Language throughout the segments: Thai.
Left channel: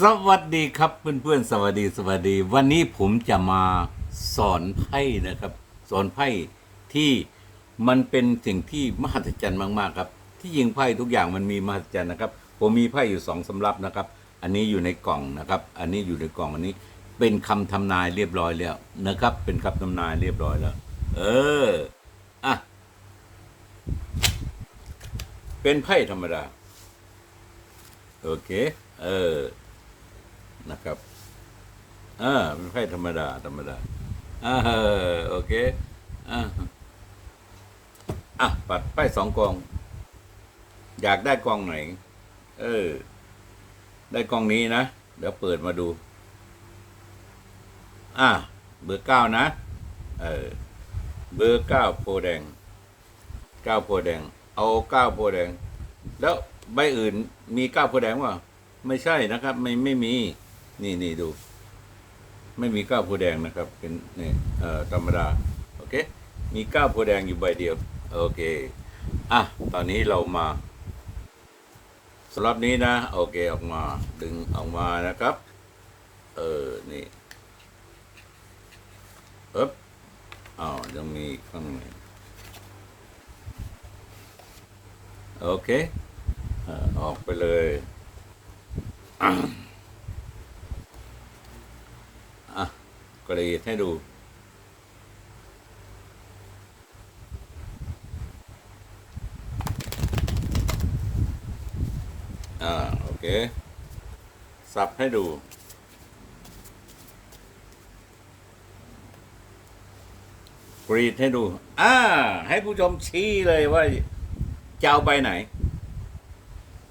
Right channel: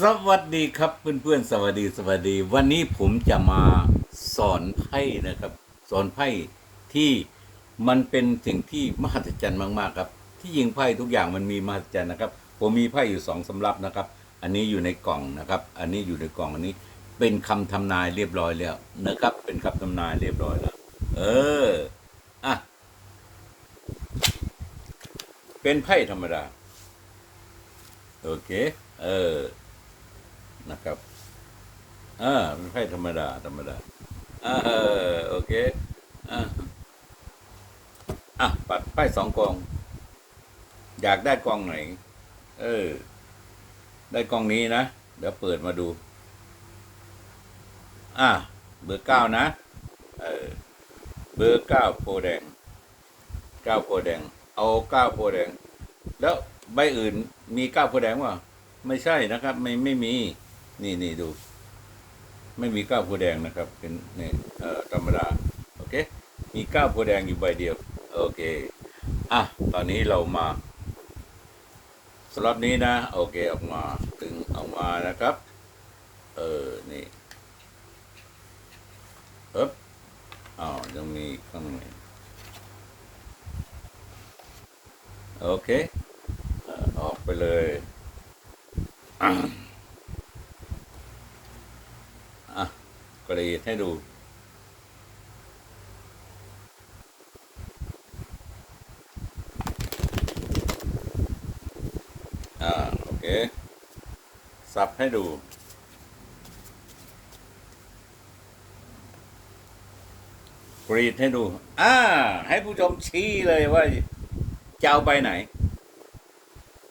สวัสดีครับเพื่อนๆสวัสดีสวัสดี วันนี้ผมจะมาสอนไพ่นะครับ สอนไพ่ที่มันเป็นสิ่งที่มหัศจรรย์มากๆครับ ที่ยิงไพ่ทุกอย่างมันมีมหัศจรรย์นะครับ ผมมีไพ่อยู่สองสำรับนะครับ อันนี้อยู่ในกล่องนะครับ อันนี้อยู่ในกล่องอันนี้ เป็นคำทำนายเรียบร้อยแล้วนะครับ เป็นคำทำนายเรียบร้อยแล้ว เอออะเป็นไพ่ธรรมดา โอเค เออ นะครับ อ่าเป็นไพ่ธรรมดา ธรรมดา อ่าโอเค อ่าอะ ปัดไพ่สองกอง อยากได้กองไหน เออ ได้กองนี้นะ เดี๋ยวเปิดมาดู อะเบอร์เก้านะ เออ เบอร์เก้าโพแดง เก้าโพแดง เอาเก้าโพแดง แล้ว ใบอื่นมีก้าโพธิ์แดงวะไม่ใช่นะครับ ไม่ไม่มี นี่นี่ดู ไม่มีก้าโพธิ์แดงนะครับ เป็นนี่เอ่อธรรมดาโอเค มีก้าโพธิ์แดงอยู่ใบเดียว โอเคอะตอนนี้เรามาสำหรับนี้นะ โอเคออกมาดึงออกมานะครับ เออนี่เอ๊บอ้าวยังมีข้างในโอเค ออออกไปเลยอะกรีดให้ดูอ่าโอเค สับให้ดู กรีดให้ดู อ่า ให้ผู้ชมชี้เลยว่าจะเอาไปไหน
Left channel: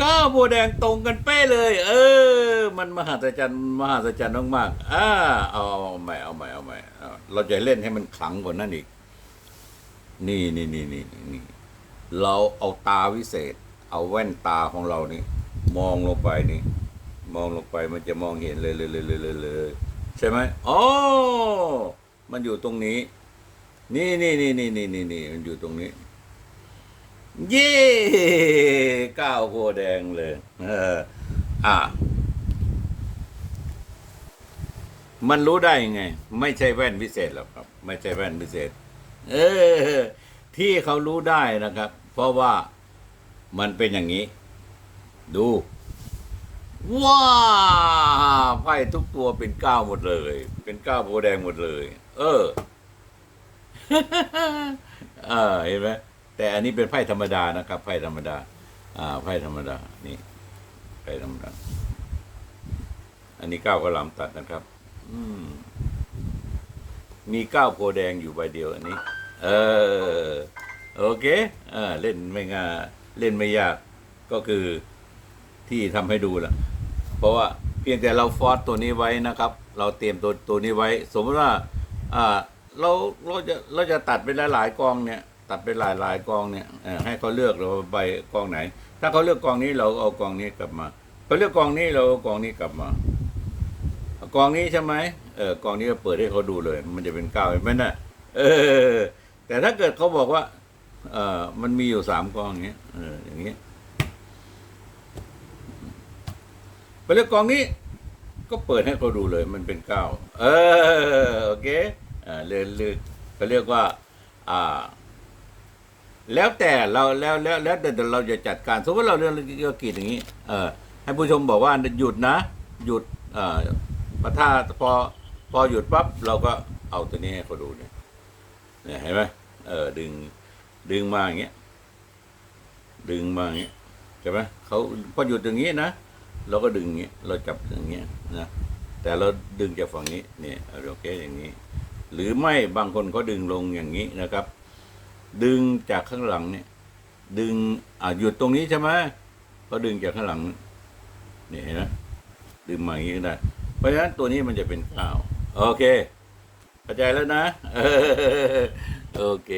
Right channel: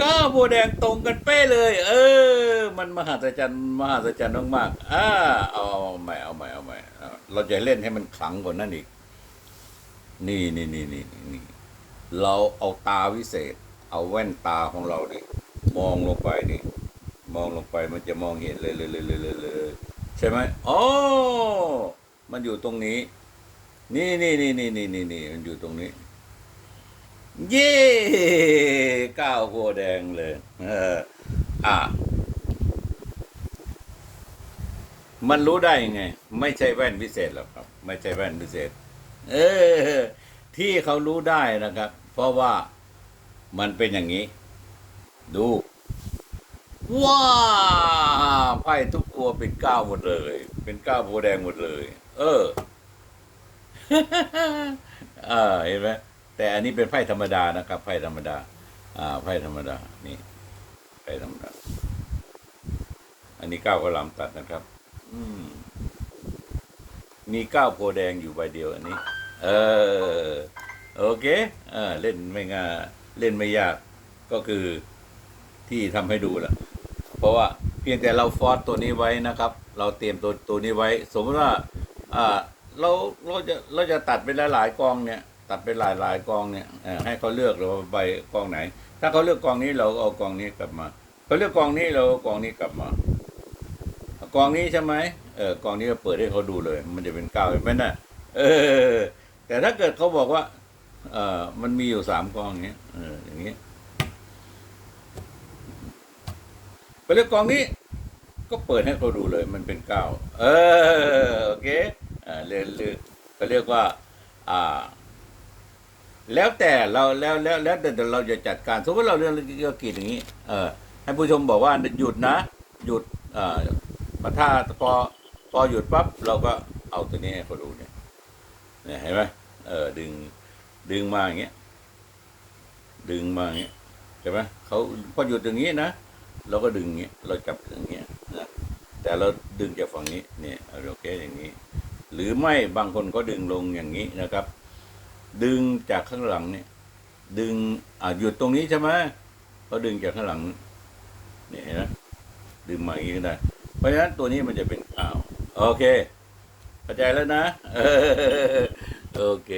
ก็โบวแดงตรงกันเป๊ะเลย เออ มันมหัศจรรย์มหัศจรรย์มากๆอ่าเอาใหม่เอาใหม่เอาใหม่เราจะเล่นให้มันขลังกว่านั้นอีก นี่นี่นี่นี่นี่เราเอาตาวิเศษ เอาแว่นตาของเรานี่มองลงไปนี่ มองลงไปมันจะมองเห็นเลยเลยเลยเลยเลยใช่ไหมโอ้มันอยู่ตรงนี้ นี่นี่นี่นี่นี่นี่นี่มันอยู่ตรงนี้ เย่ ก้าวโพธิ์แดงเลย เออ อะมันรู้ได้ไง ไม่ใช่แว่นวิเศษหรอกครับ ไม่ใช่แว่นวิเศษ เออ ที่เขารู้ได้นะครับ เพราะว่ามันเป็นอย่างนี้ ดู ว้าไพ่ทุกตัวเป็นก้าวหมดเลย เป็นก้าวโพแดงหมดเลย เอออ่าเห็นไหมแต่อันนี้เป็นไพ่ธรรมดานะครับ ไพ่ธรรมดา อ่าไพ่ธรรมดา นี่ไพ่ธรรมดา อันนี้ก้าวกระหลำตัดนะครับ อืม มีก้าวโพแดงอยู่ใบเดียวอันนี้ เออ โอเคเออเล่นไม่ง่าเล่นไม่ยาก ก็คือที่ทำให้ดูล่ะเพราะว่าเพียงแต่เราฟอร์สตัวนี้ไว้นะครับ เราเตรียมตัวตัวนี้ไว้ สมมติว่า อ่า เราเราจะเราจะตัดเป็นหลายๆกองเนี่ย ตัดเป็นหลายกองเนี่ยให้เขาเลือกเราใบกองไหน ถ้าเขาเลือกกองนี้เราเอากองนี้กลับมาเขาเลือกกองนี้เราเอากองนี้กลับมากองนี้ใช่ไหมเออกองนี้เราเปิดให้เขาดูเลย มันจะเป็นเก้าเห็นไหมน่ะเออ แต่ถ้าเกิดเขาบอกว่า เออมันมีอยู่สามกองอย่างเงี้ยเอออย่างเงี้ยไปเลือกกองนี้ ก็เปิดให้เขาดูเลย มันเป็นเก้าเออโอเคอ่าเรียนเรียนเขาเรียกว่า อ่า แล้วแต่เราแล้วแล้วแล้วแต่เราจะจัดการ สมมติเราเรียนเกี่ยวกับอย่างนี้ เออให้ผู้ชมบอกว่าหยุดนะ หยุดเอ่าถ้าพอพอหยุดปั๊บเราก็เอาตัวนี้ให้เขาดูเนี่ยเนี่ยเห็นไหมเออดึงดึงมาอย่างเงี้ยดึงมาอย่างเงี้ยใช่ไหมเขาพอหยุดอย่างนี้นะเราก็ดึงอย่างเงี้ยเราจับอย่างเงี้ยนะแต่เราดึงจากฝั่งนี้เนี่ยโอเคอย่างนี้ หรือไม่บางคนเขาดึงลงอย่างนี้นะครับ ดึงจากข้างหลังเนี่ย ดึงอ่าหยุดตรงนี้ใช่ไหมก็ดึงจากข้างหลังเนี่ยเห็นะดึงมาอย่างนี้ก็ได้ เพราะฉะนั้นตัวนี้มันจะเป็นก้าวโอเคเข้าใจแล้วนะโอเค